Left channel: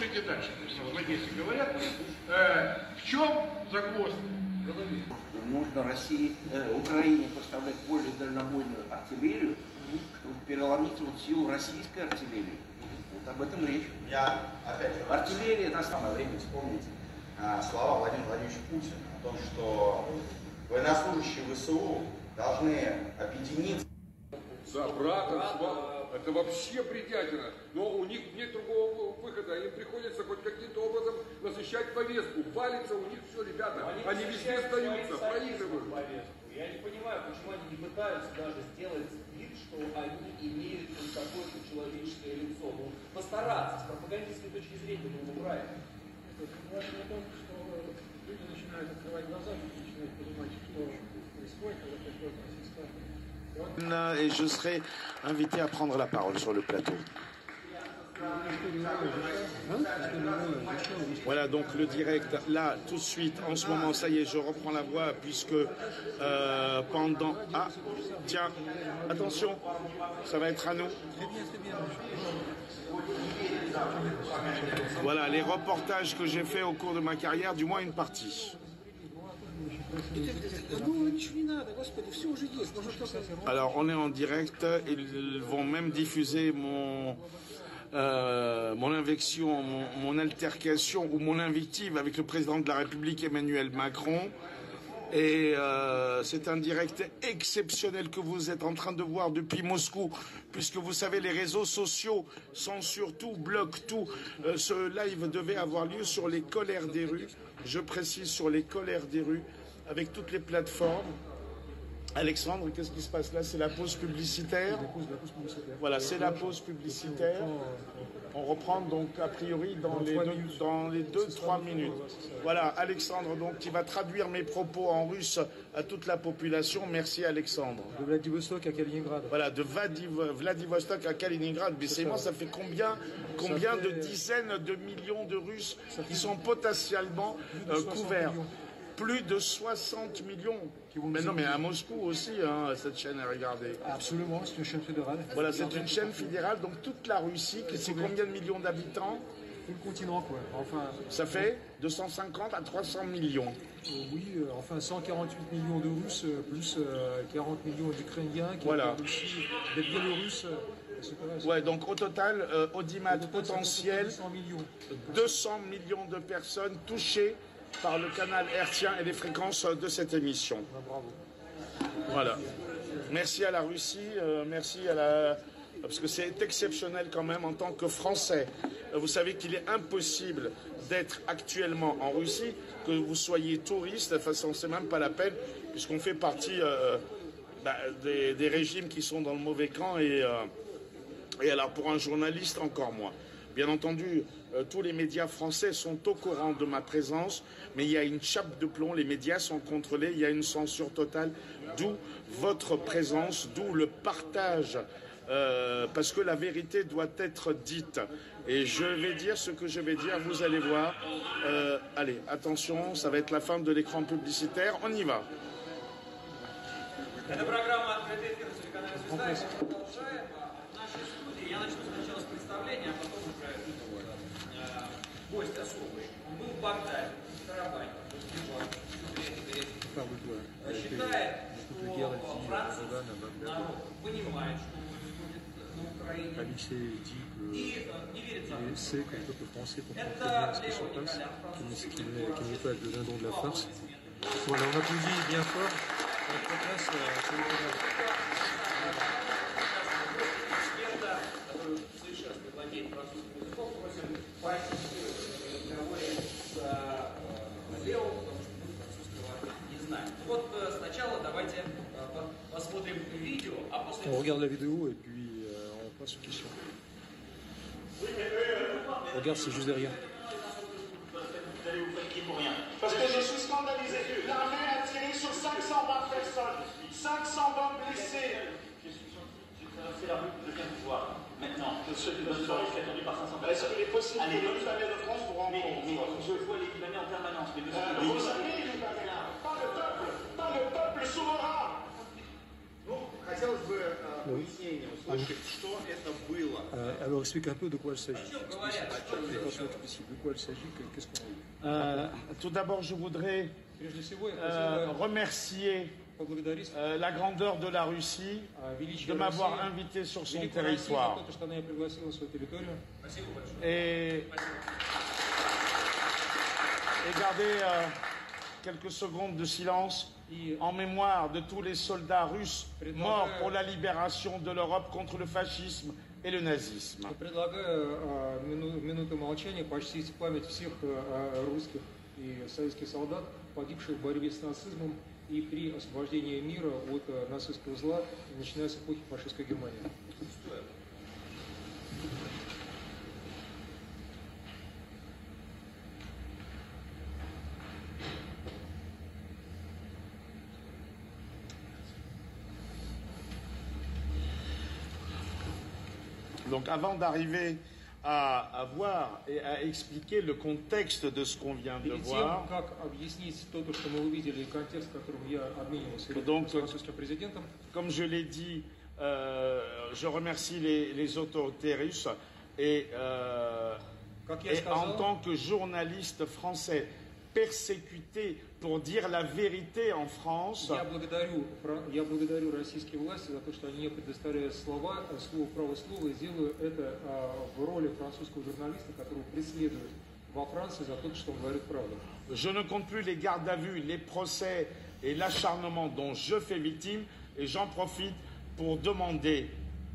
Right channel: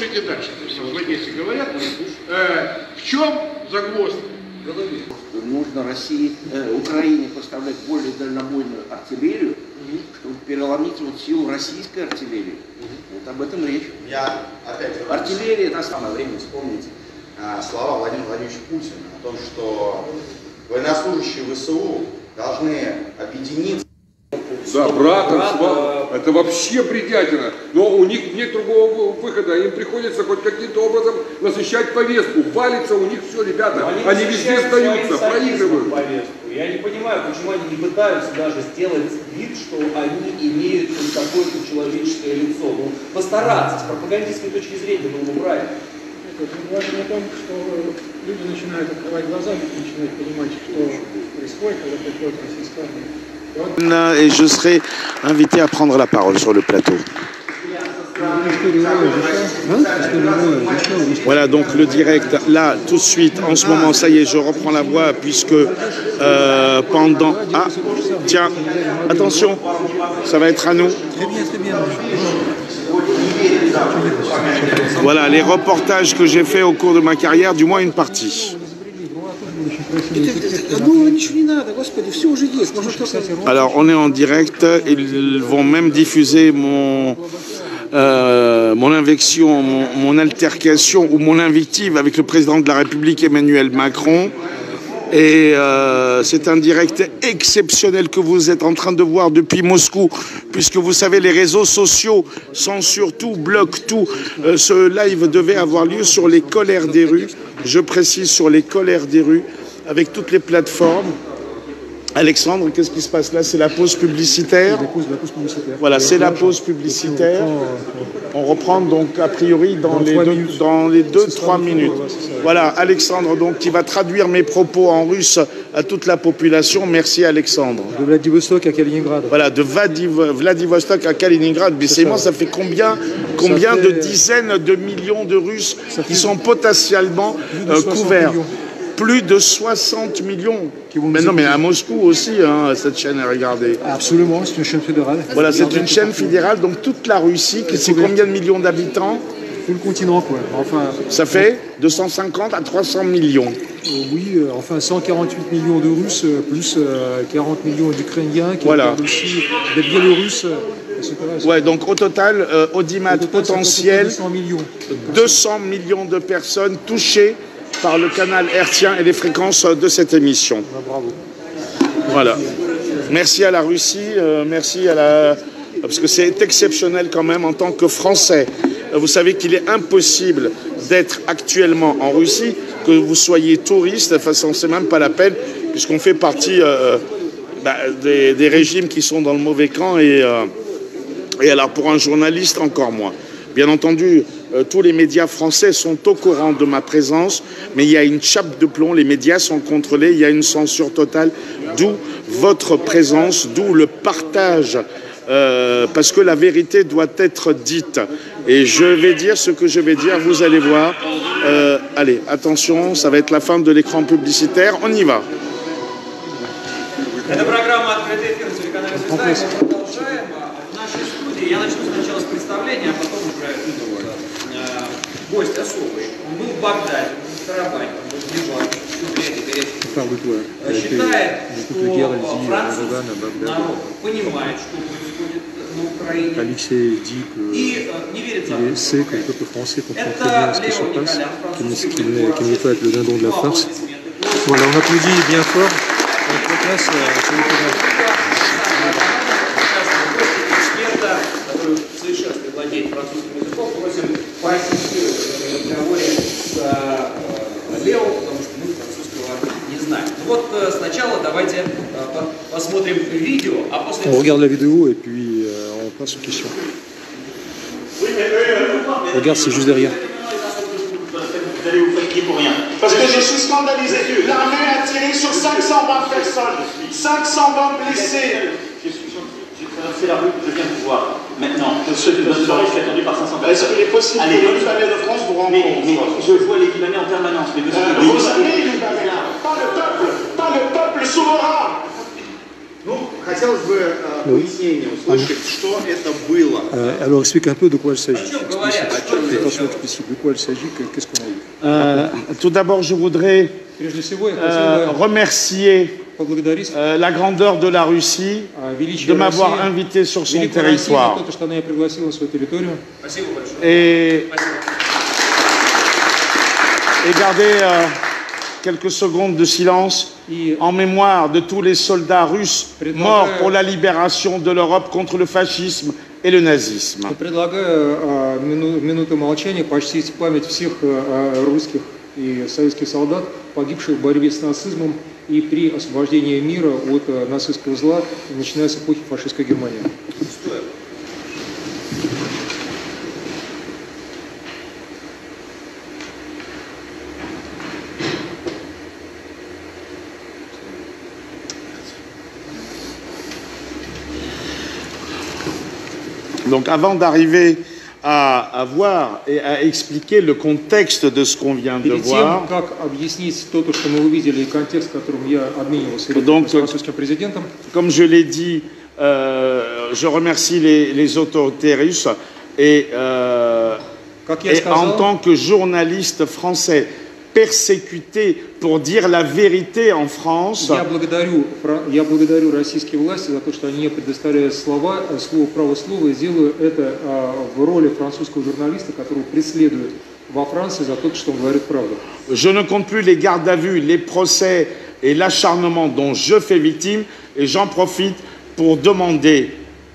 Дальше, если говорят, в чем загвоздка? Нужно России, Украине поставлять более дальнобойную артиллерию, чтобы переломить вот силу российской артиллерии. Вот об этом речь. Я опять артиллерия это самое время вспомнить слова Владимира Владимировича Путина о том, что военнослужащие ВСУ должны объединиться. Да, братом, это вообще бредятина. Но у них нет другого выхода. Им приходится хоть каким-то образом насыщать повестку. Валится у них все, ребята. Они везде сдаются, проигрывают. Я не понимаю, почему они не пытаются даже сделать вид, что они имеют какое-то человеческое лицо. Ну, постараться, с пропагандистской точки зрения было бы правильно. Важно о том, что люди начинают открывать глаза, начинают понимать, что происходит, когда приходит российская армия. Et je serai invité à prendre la parole sur le plateau. Voilà donc le direct, là tout de suite, en ce moment, ça y est, je reprends la voix puisque pendant... Ah, tiens, attention, ça va être à nous. Voilà les reportages que j'ai fait au cours de ma carrière, du moins une partie. Alors on est en direct, ils vont même diffuser mon invection, mon altercation ou mon invective avec le président de la République Emmanuel Macron. Et c'est un direct exceptionnel que vous êtes en train de voir depuis Moscou, puisque vous savez, les réseaux sociaux censurent tout, bloquent tout. Ce live devait avoir lieu sur les colères des rues, je précise sur les colères des rues, avec toutes les plateformes. Alexandre, qu'est-ce qui se passe là? C'est la pause publicitaire. Voilà, c'est la pause publicitaire. On reprend donc a priori dans les 2-3 minutes. Voilà, Alexandre donc qui va traduire mes propos en russe à toute la population. Merci Alexandre. De Vladivostok à Kaliningrad. Voilà, de Vladivostok à Kaliningrad. Mais c'est moi, ça fait combien de dizaines de millions de Russes qui sont potentiellement couverts? Plus de 60 millions. Mais non, mais à Moscou aussi, hein, cette chaîne est regardée. Absolument, c'est une chaîne fédérale. Voilà, c'est une chaîne fédérale, donc toute la Russie, c'est combien de millions d'habitants? Tout le continent, quoi. Enfin, ça fait de 150 à 300 millions. Oui, enfin 148 millions de Russes, plus 40 millions d'Ukrainiens, voilà. Aussi des Biélorusses. Ouais, donc au total, audimat potentiel, 200 millions de personnes touchées par le canal hertzien et les fréquences de cette émission. Bravo. Voilà. Merci à la Russie, merci à la... Parce que c'est exceptionnel quand même en tant que Français. Vous savez qu'il est impossible d'être actuellement en Russie, que vous soyez touriste, de toute façon c'est même pas la peine, puisqu'on fait partie des régimes qui sont dans le mauvais camp et alors pour un journaliste encore moins. Bien entendu, tous les médias français sont au courant de ma présence, mais il y a une chape de plomb, les médias sont contrôlés, il y a une censure totale, d'où votre présence, d'où le partage, parce que la vérité doit être dite. Et je vais dire ce que je vais dire, vous allez voir. Allez, attention, ça va être la fin de l'écran publicitaire, on y va. А потом уже гость особый. Он был в Багдаде, он в Карабахе, он был в Ливане, считает, что французский народ понимает, что происходит на Украине, и не верит за qu'il ne veut pas être le dindon de la farce. Voilà, on applaudit bien fort. On regarde la vidéo et puis on passe aux questions. Regarde, c'est juste derrière. Parce que je suis scandalisé. L'armée a tiré sur 520 personnes, 500 blessés. J'ai traversé la rue, je viens de vous voir. Maintenant, je suis attendu par 500 personnes. Est-ce qu'il est possible que le Libanais de France vous rencontre? Mais je vois les Libanais en permanence. Mais vous avez les Libanais là, pas le peuple souverain. Ну, хотелось бы пояснение услышать, что это было. Alors, explique un peu de quoi il s'agit. О чем говорят? Qu'est-ce qu'on a eu Tout d'abord, je voudrais Прежде всего, я хотел бы remercier поблагодарить la grandeur de la Russie величие de m'avoir России, invité sur son великую Россию за territoire. то, что она меня пригласила на свою территорию. Спасибо большое. Et garder quelques secondes de silence en mémoire de tous les soldats russes morts pour la libération de l'Europe contre le fascisme et le nazisme. Предлагаю минуту молчания почтить память всех русских и советских солдат, погибших в борьбе с нацизмом и при освобождении мира от нацистского зла, начиная с эпохи фашистской Германии. Donc avant d'arriver à voir et à expliquer le contexte de ce qu'on vient de Перед тем, voir, как объяснить то, что мы увидели, и контекст, в котором я обменивался с французским президентом, comme je l'ai dit, je remercie les autorités russes et en tant que journaliste français persécuté pour dire la vérité en France, я благодарю российские власти за то, что они мне предоставляют слово право слова, и делаю это в роли французского журналиста, которого преследуют во Франции за то, что он говорит правду. Je ne compte plus les gardes à vue, les procès et l'acharnement dont je fais victime, et j'en profite pour demander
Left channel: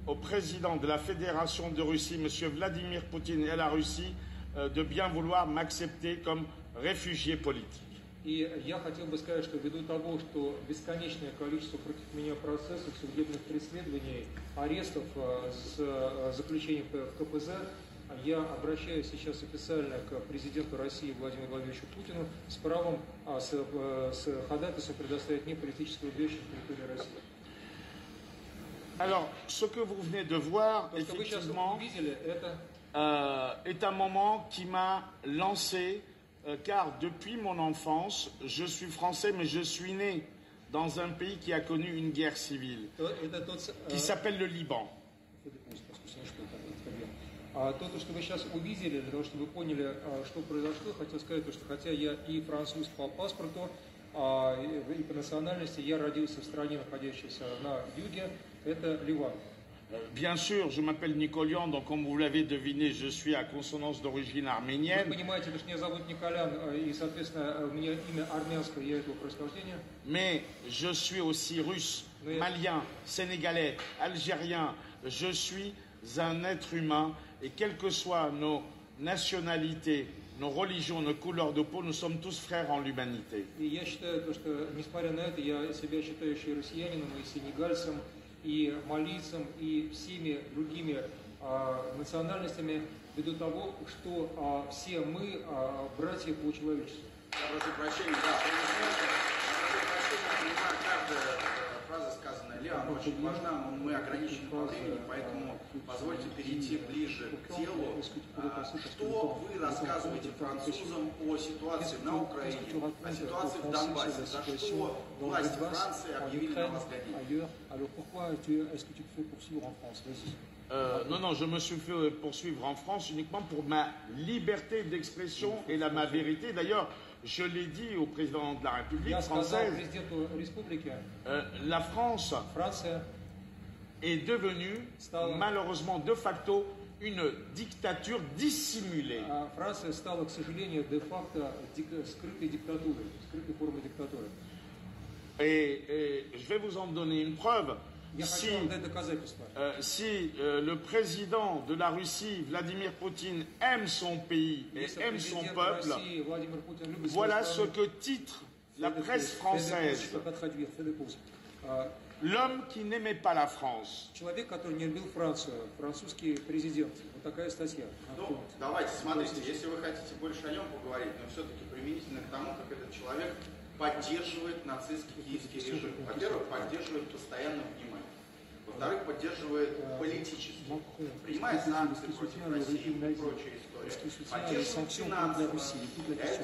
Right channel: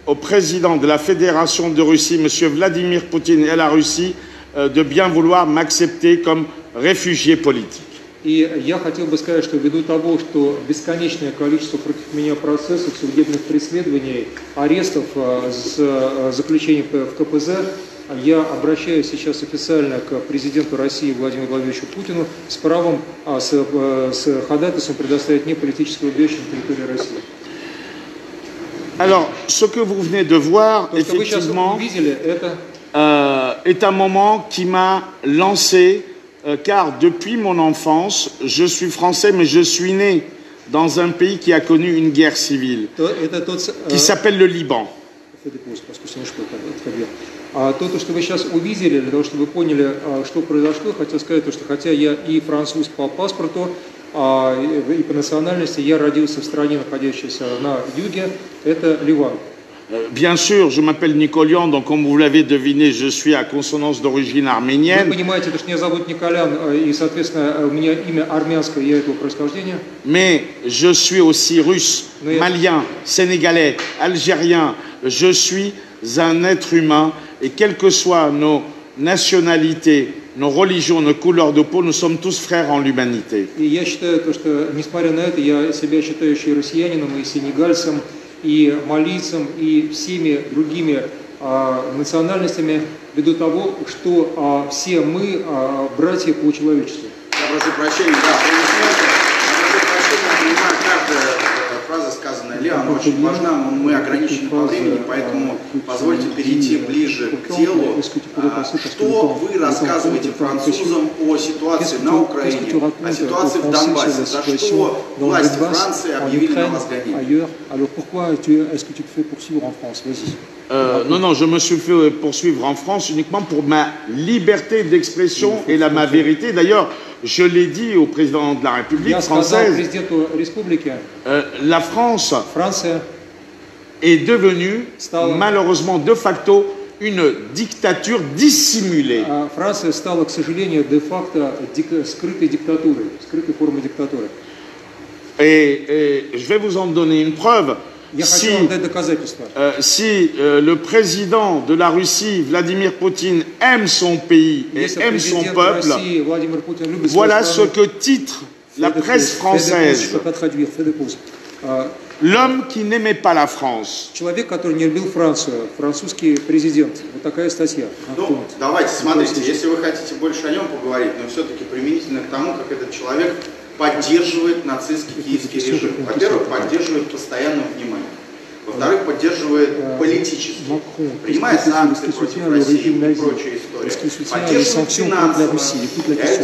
au président de la Fédération de Russie, M. Vladimir Poutine, et à la Russie, de bien vouloir m'accepter comme réfugié politique. И я хотел бы сказать, что ввиду того, что бесконечное количество против меня процессов, судебных преследований, арестов, заключений в КПЗ, я обращаюсь сейчас официально к президенту России Владимиру Владимировичу Путину с правом, с ходатайством предоставить мне политическое убежище на территории России. Alors, ce que vous venez de voir, effectivement, est un moment qui m'a lancé, car depuis mon enfance, je suis français, mais je suis né dans un pays qui a connu une guerre civile, qui s'appelle le Liban. То, что вы сейчас увидели, для того, чтобы вы поняли, что произошло, хотел сказать, что хотя я и француз по паспорту, и по национальности, я родился в стране, находящейся на юге, это Ливан. Bien sûr, je m'appelle Nicolian, donc comme vous l'avez deviné, je suis à consonance d'origine arménienne. Вы понимаете, что меня зовут Николян, и, соответственно, у меня имя армянское, я этого происхождения. Mais je suis aussi russe, malien, sénégalais, algérien. Je suis un être humain, et quelles que soient nos nationalités, nos religions, nos couleurs de peau, nous sommes tous frères en l'humanité. И я считаю, что, несмотря на это, я себя считающий россиянином, и сенегальцем, и малийцем, и всеми другими национальностями, ввиду того, что все мы братья по человечеству. Я прошу прощения, да, понимаю, каждая фраза, сказанная Леоном, очень важна, но мы ограничены по времени, поэтому позвольте перейти ближе к делу. Что вы рассказываете французам о ситуации на Украине, о ситуации в Донбассе, за что власти Франции объявили на вас гонение? Alors pourquoi est-ce que tu te fais poursuivre en France? Vas-y. Non, je me suis fait poursuivre en France uniquement pour ma liberté d'expression et ma vérité. D'ailleurs, je l'ai dit au président de la République française, la France est devenue malheureusement de facto une dictature dissimulée. Франция стала, к сожалению, де-факто скрытой диктатурой, скрытой формой диктатуры. Et je vais vous en donner une preuve. Si le président de la Russie, Vladimir Poutine, aime son pays et aime son peuple, voilà ce que titre la presse française. L'homme qui n'aimait pas la France. Человек, который не любил Францию, французский президент. Вот такая статья. Ну, давайте, смотрите, если вы хотите больше о нем поговорить, но все-таки применительно к тому, как этот человек поддерживает нацистский киевский режим. Во-первых, поддерживает постоянное внимание. Во-вторых, поддерживает политически, принимает санкции против России и прочие истории, поддерживает финансово,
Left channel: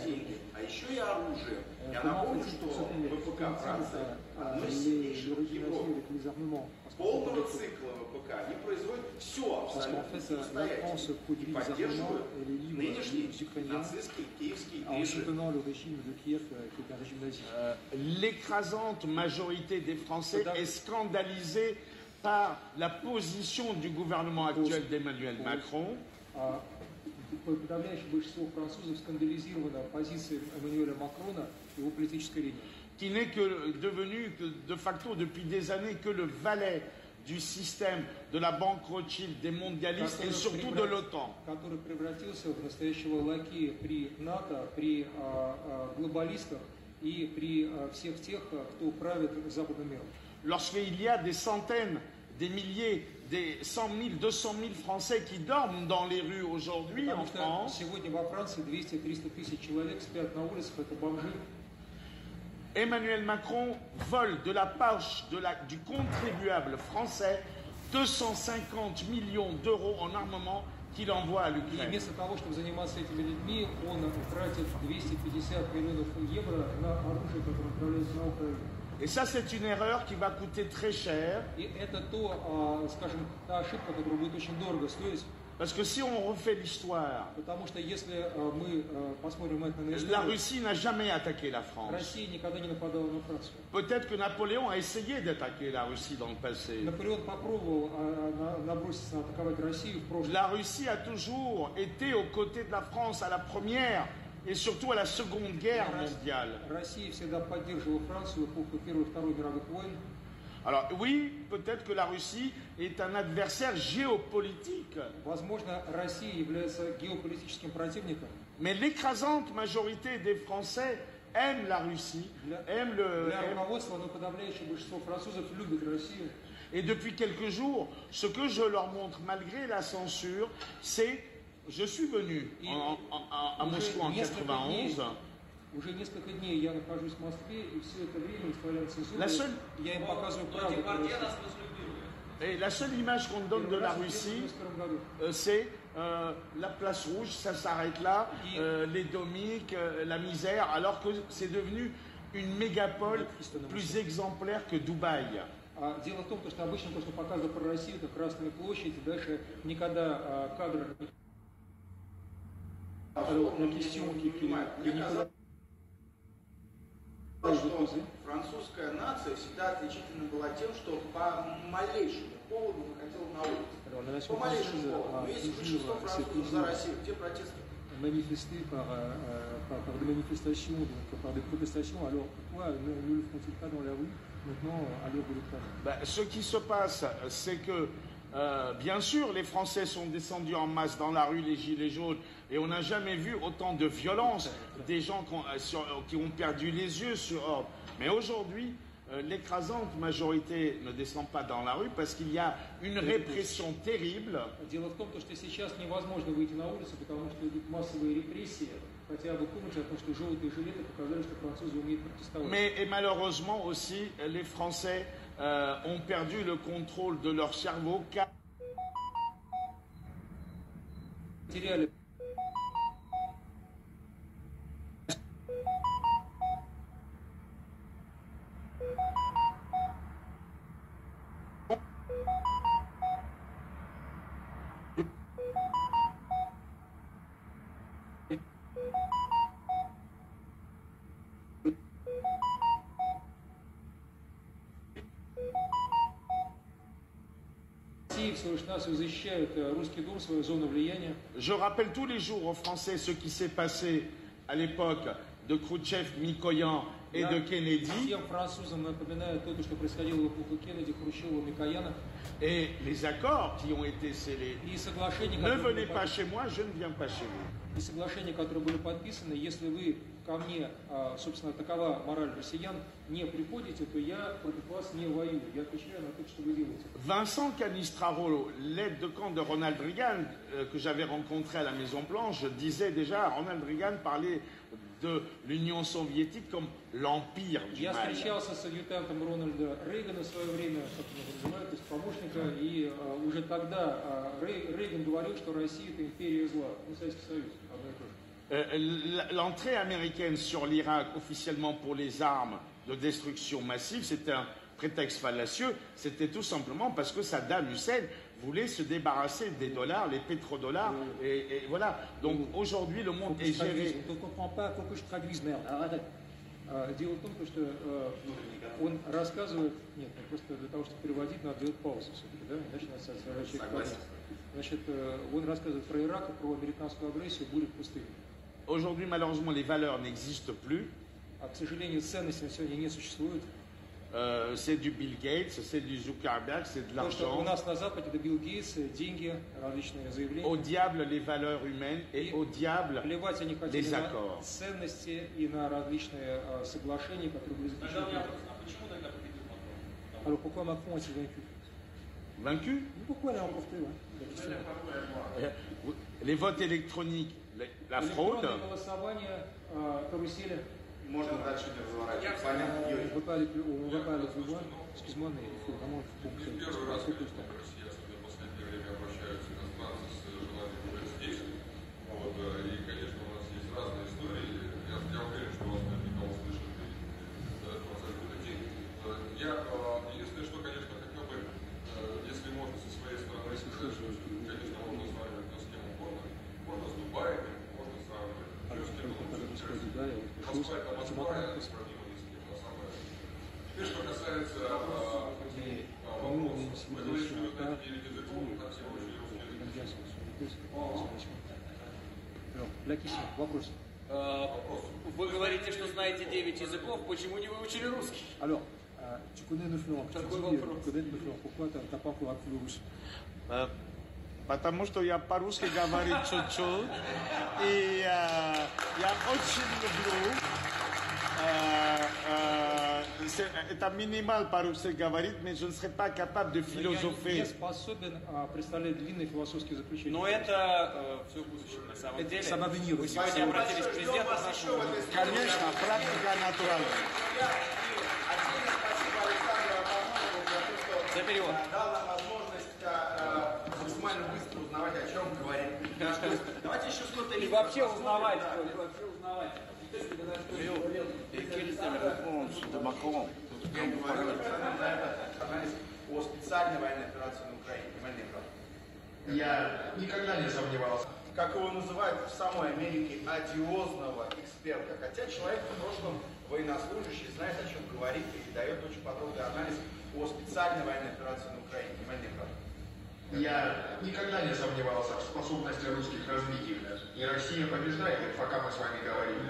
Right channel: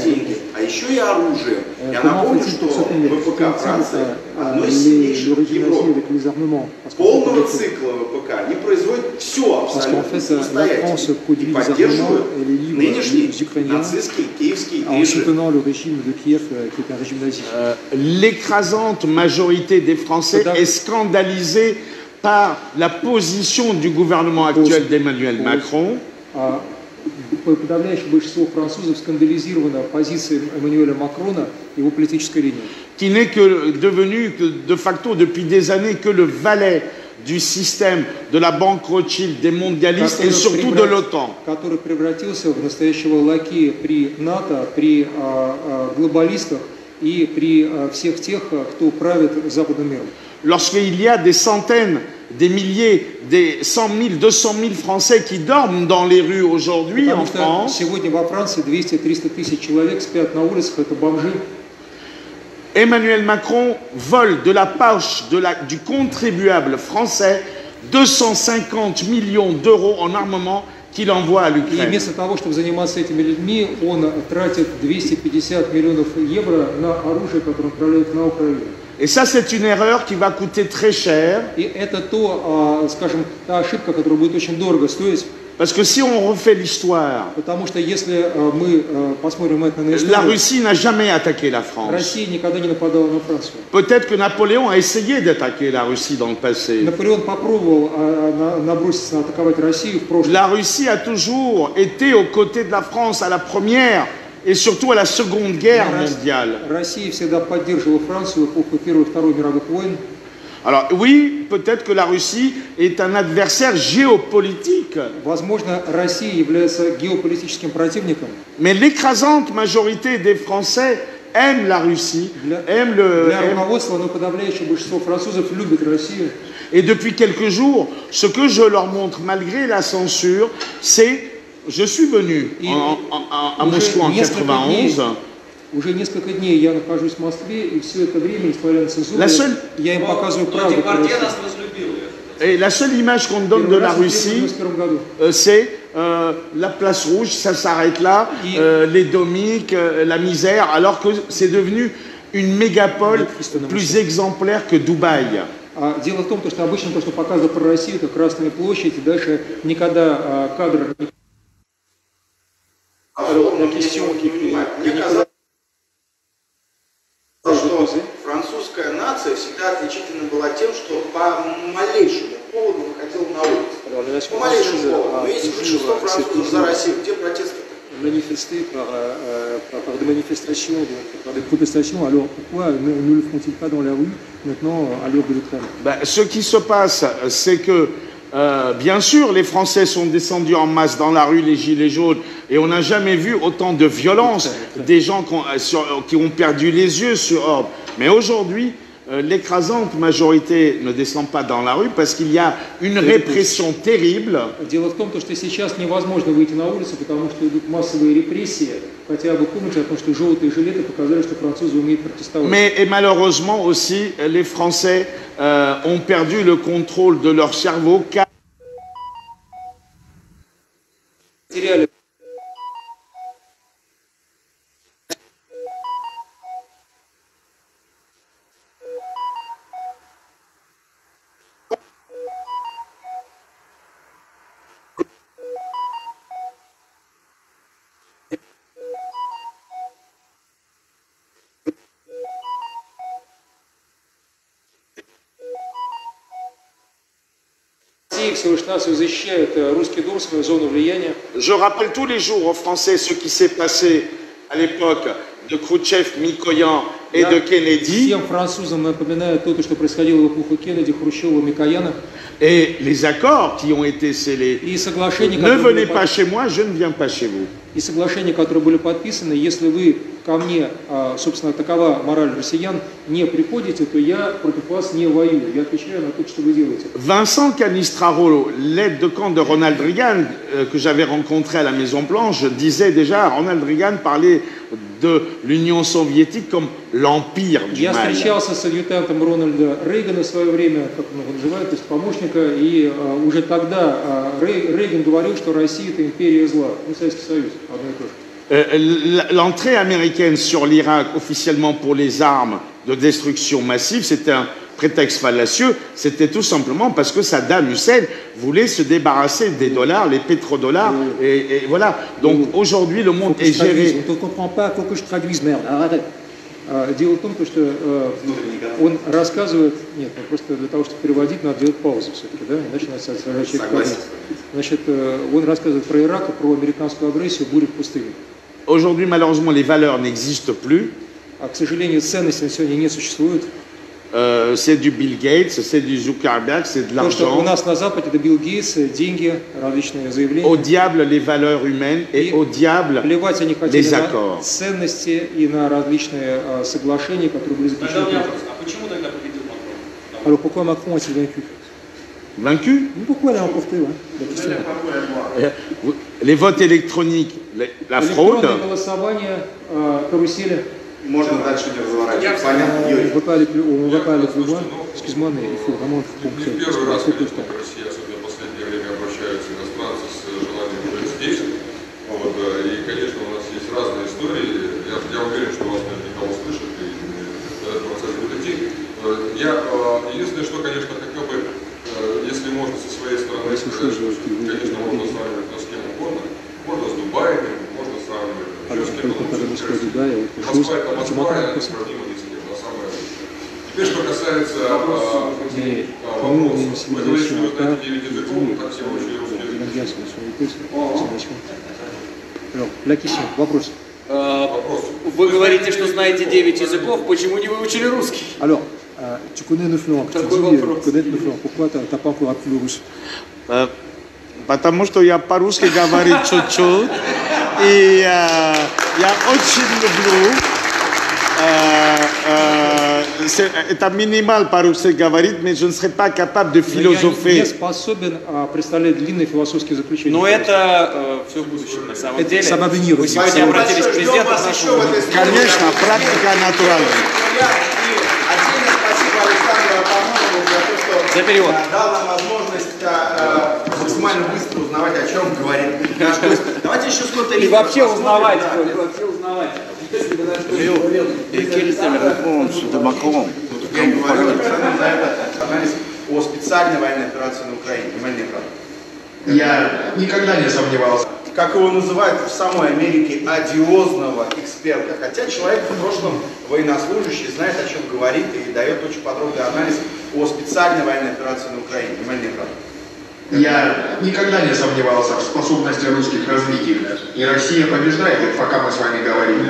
деньги, а еще и оружие. Я напомню, что ВПК Франции одно из сильнейших в Европе. Полного цикла ПК, они производят все Parce qu'en абсолютно fait, la France самостоятельно. produit И les armements поддерживают et les livres нынешний aux Ukrainiens нацистский киевский en режим. soutenant le régime de Kiev, qui est un régime nazi. L'écrasante majorité des Français Madame- est scandalisée par la position du gouvernement actuel d'Emmanuel Macron. А подавляющее большинство французов скандализировано позицией Эммануэля Макрона и его политической линией. Qui n'est que devenu de facto depuis des années que le valet du système de la banque Rothschild, des mondialistes et surtout de l'OTAN. Который превратился в настоящего лакея при НАТО, при глобалистах и при всех тех, кто правит западным миром. Lorsqu'il y a des centaines, des milliers, des 100 000, 200 000 Français qui dorment dans les rues aujourd'hui en Потому что France, сегодня во Франции 200-300 тысяч человек спят на улицах, это бомжи. Emmanuel Macron vole de la poche du contribuable français 250 millions d'euros en armement qu'il envoie à И l'Ukraine. вместо того, чтобы заниматься этими людьми, он тратит 250 миллионов евро на оружие, которое отправляет на Украину. Et ça, c'est une erreur qui va coûter très cher, И это то, скажем, та ошибка, которая будет очень дорого стоить, parce que si on refait l'histoire, потому что если мы посмотрим это на la историю, Russie n'a jamais attaqué la France. Россия никогда не нападала на Францию. Peut-être que Napoléon a essayé d'attaquer la Russie dans le passé. Наполеон попробовал наброситься, атаковать Россию в прошлом. La Russie a toujours été aux côtés de la France à la première et surtout à la Seconde Guerre mondiale. Россия всегда поддерживала Францию в эпоху Первой и Второй мировых войн. Alors oui, peut-être que la Russie est un adversaire géopolitique, Возможно, Россия является геополитическим противником. mais l'écrasante majorité des Français aiment la Russie, aiment Для руководства, но подавляющее большинство французов любит Россию. Et depuis quelques jours, ce que je leur montre malgré la censure, c'est je suis venu à Moscou en 91. Уже несколько дней я нахожусь в Москве, и все это время, несмотря на цензуру, я им показываю правду. Et la seule image qu'on donne de la Russie, c'est la place rouge, ça s'arrête là, les domiques, la misère, alors que c'est devenu une mégapole plus exemplaire que Dubaï. Дело в том, что обычно то, что показывают про Россию, это Красная площадь, и дальше никогда кадры... Alors, la question qui что французская нация всегда отличительна была тем, что по малейшему поводу выходила на улицу. По малейшему поводу. Но если большинство французов за Россию, где протесты? Manifester par des manifestations, par des protestations, alors pourquoi ne le font-ils pas dans la rue maintenant à l'heure de l'Ukraine? Ce qui se passe, c'est que bien sûr, les Français sont descendus en masse dans la rue, les gilets jaunes, et on n'a jamais vu autant de violence, des gens qui ont perdu les yeux sur Orbe. Mais aujourd'hui, l'écrasante majorité ne descend pas dans la rue parce qu'il y a une répression terrible. Дело в том, что сейчас невозможно выйти на улицу, потому что идут массовые репрессии. Хотя вы помните о том, что желтые жилеты показали, что французы умеют протестовать. Mais et malheureusement aussi, les Français ont perdu le contrôle de leur cerveau. Теряли. Je rappelle tous les jours aux Français ce qui s'est passé à l'époque de Khrouchtchev, Mikoyan et de Kennedy. Et les accords qui ont été scellés. Ne venez pas chez moi, je ne viens pas chez vous. И соглашения, которые были подписаны, если вы ко мне, собственно, такова мораль россиян, не приходите, то я против вас не воюю. Я отвечаю на то, что вы делаете. Vincent Canistraro, l'aide de camp de Ronald Reagan, que j'avais rencontré à la Maison-Blanche, disait déjà, Ronald Reagan parlait de l'Union soviétique comme l'empire du Я mal. встречался с адъютантом Рональда Рейгана в свое время, как он его называет, то есть помощника, и уже тогда Рейган говорил, что Россия – это империя зла, ну, Советский Союз, одно и то же. L'entrée américaine sur l'Irak officiellement pour les armes de destruction massive, c'était un prétexte fallacieux, c'était tout simplement parce que Saddam Hussein voulait se débarrasser des dollars, les pétrodollars, et voilà. Donc aujourd'hui, le monde est géré. On ne comprend pas, faut que je traduise, merde, arrête. Дело в том, что он рассказывает, нет, просто для того, чтобы переводить, надо делать паузу все-таки, да, иначе нас человек падает. Значит, он рассказывает про Ирак и про американскую агрессию, бурю в пустыне. Aujourd'hui, malheureusement, les valeurs n'existent plus. А, к сожалению, ценности на сегодня не существуют. C'est du Bill Gates, c'est du Zuckerberg, c'est de То, что у l'argent. нас на Западе, это Билл Гейтс, деньги, различные заявления. Au diable les valeurs humaines et au diable Плевать они хотели les на accords. ценности и на различные соглашения, которые были Тогда заключены. у меня вопрос, а почему тогда победил Макрон? Alors pourquoi Macron a-t-il vaincu? Vaincu? Pourquoi il a remporté? Les votes électroniques, la fraude. Электронное голосование, карусели. Можно дальше не разворачивать. Понятно, Юрий. Не первый раз, конечно, в России, особенно в последнее время, обращаются иностранцы с желанием быть здесь. Вот, и, конечно, у нас есть разные истории. Я уверен, что вас наверняка услышат, и этот процесс будет идти. Я единственное, что, конечно, хотел бы, если можно со своей стороны сказать, что, конечно, можно сравнивать с кем угодно. Можно с Дубаем, можно сравнивать еще с кем угодно. Москва это Москва, это несравнимо ни с кем, на самое лучшее. Теперь, что касается вопроса, вы говорите, что вы знаете 9 языков, так всего очень русский язык. Вопрос. Вы говорите, что знаете 9 языков, почему не выучили русский? Alors, tu connais 9 langues. Tu dis connaître 9 langues. Pourquoi tu n'as pas encore appris le russe? Потому что я по-русски говорю чуть-чуть. И я очень люблю. Это минимал по-русски говорить, mais je ne serais pas capable de philosopher. Я не способен представлять длинные философские заключения. Но это все в будущем, на самом деле. Самовинир. Вы сегодня обратились к президенту. Конечно, практика натуральная. Отдельное спасибо Александру Апамонову за то, что За перевод. дал нам возможность максимально быстро узнавать, о чем говорит наш гость. Давайте еще сколько-то И вообще узнавать. Вообще узнавать. Et quelle était la réponse de Macron? Я говорю Александру за это анализ о специальной военной операции на Украине. Внимание, правда. Я никогда не сомневался. Как его называют в самой Америке, одиозного эксперта. Хотя человек в прошлом военнослужащий, знает, о чем говорит и дает очень подробный анализ о специальной военной операции на Украине. Внимание, правда. Я никогда не сомневался в способности русских развить их. И Россия побеждает, пока мы с вами говорим.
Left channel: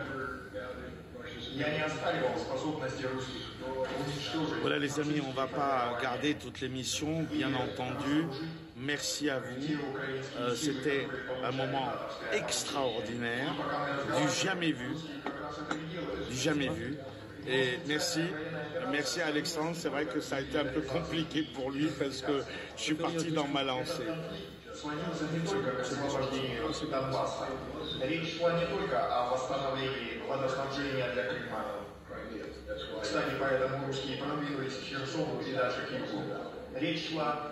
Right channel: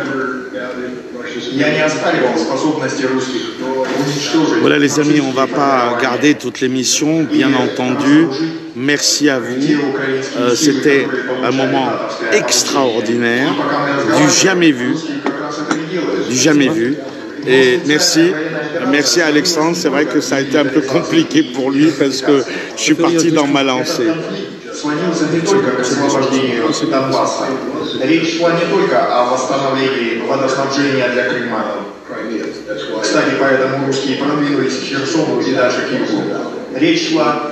Я не оспаривал способности русских уничтожить. Voilà les amis, on ne va pas garder toute l'émission, bien entendu. Merci à vous. C'était un moment extraordinaire, du jamais vu. Du jamais vu. Et merci à Alexandre. C'est vrai que ça a été un peu compliqué pour lui parce que je suis parti dans ma lancée. Сводился не только к освобождению Донбасса. Речь шла не только о восстановлении водоснабжения для Крыма. Кстати, поэтому русские продвинулись к Херсону и дальше к югу. Речь шла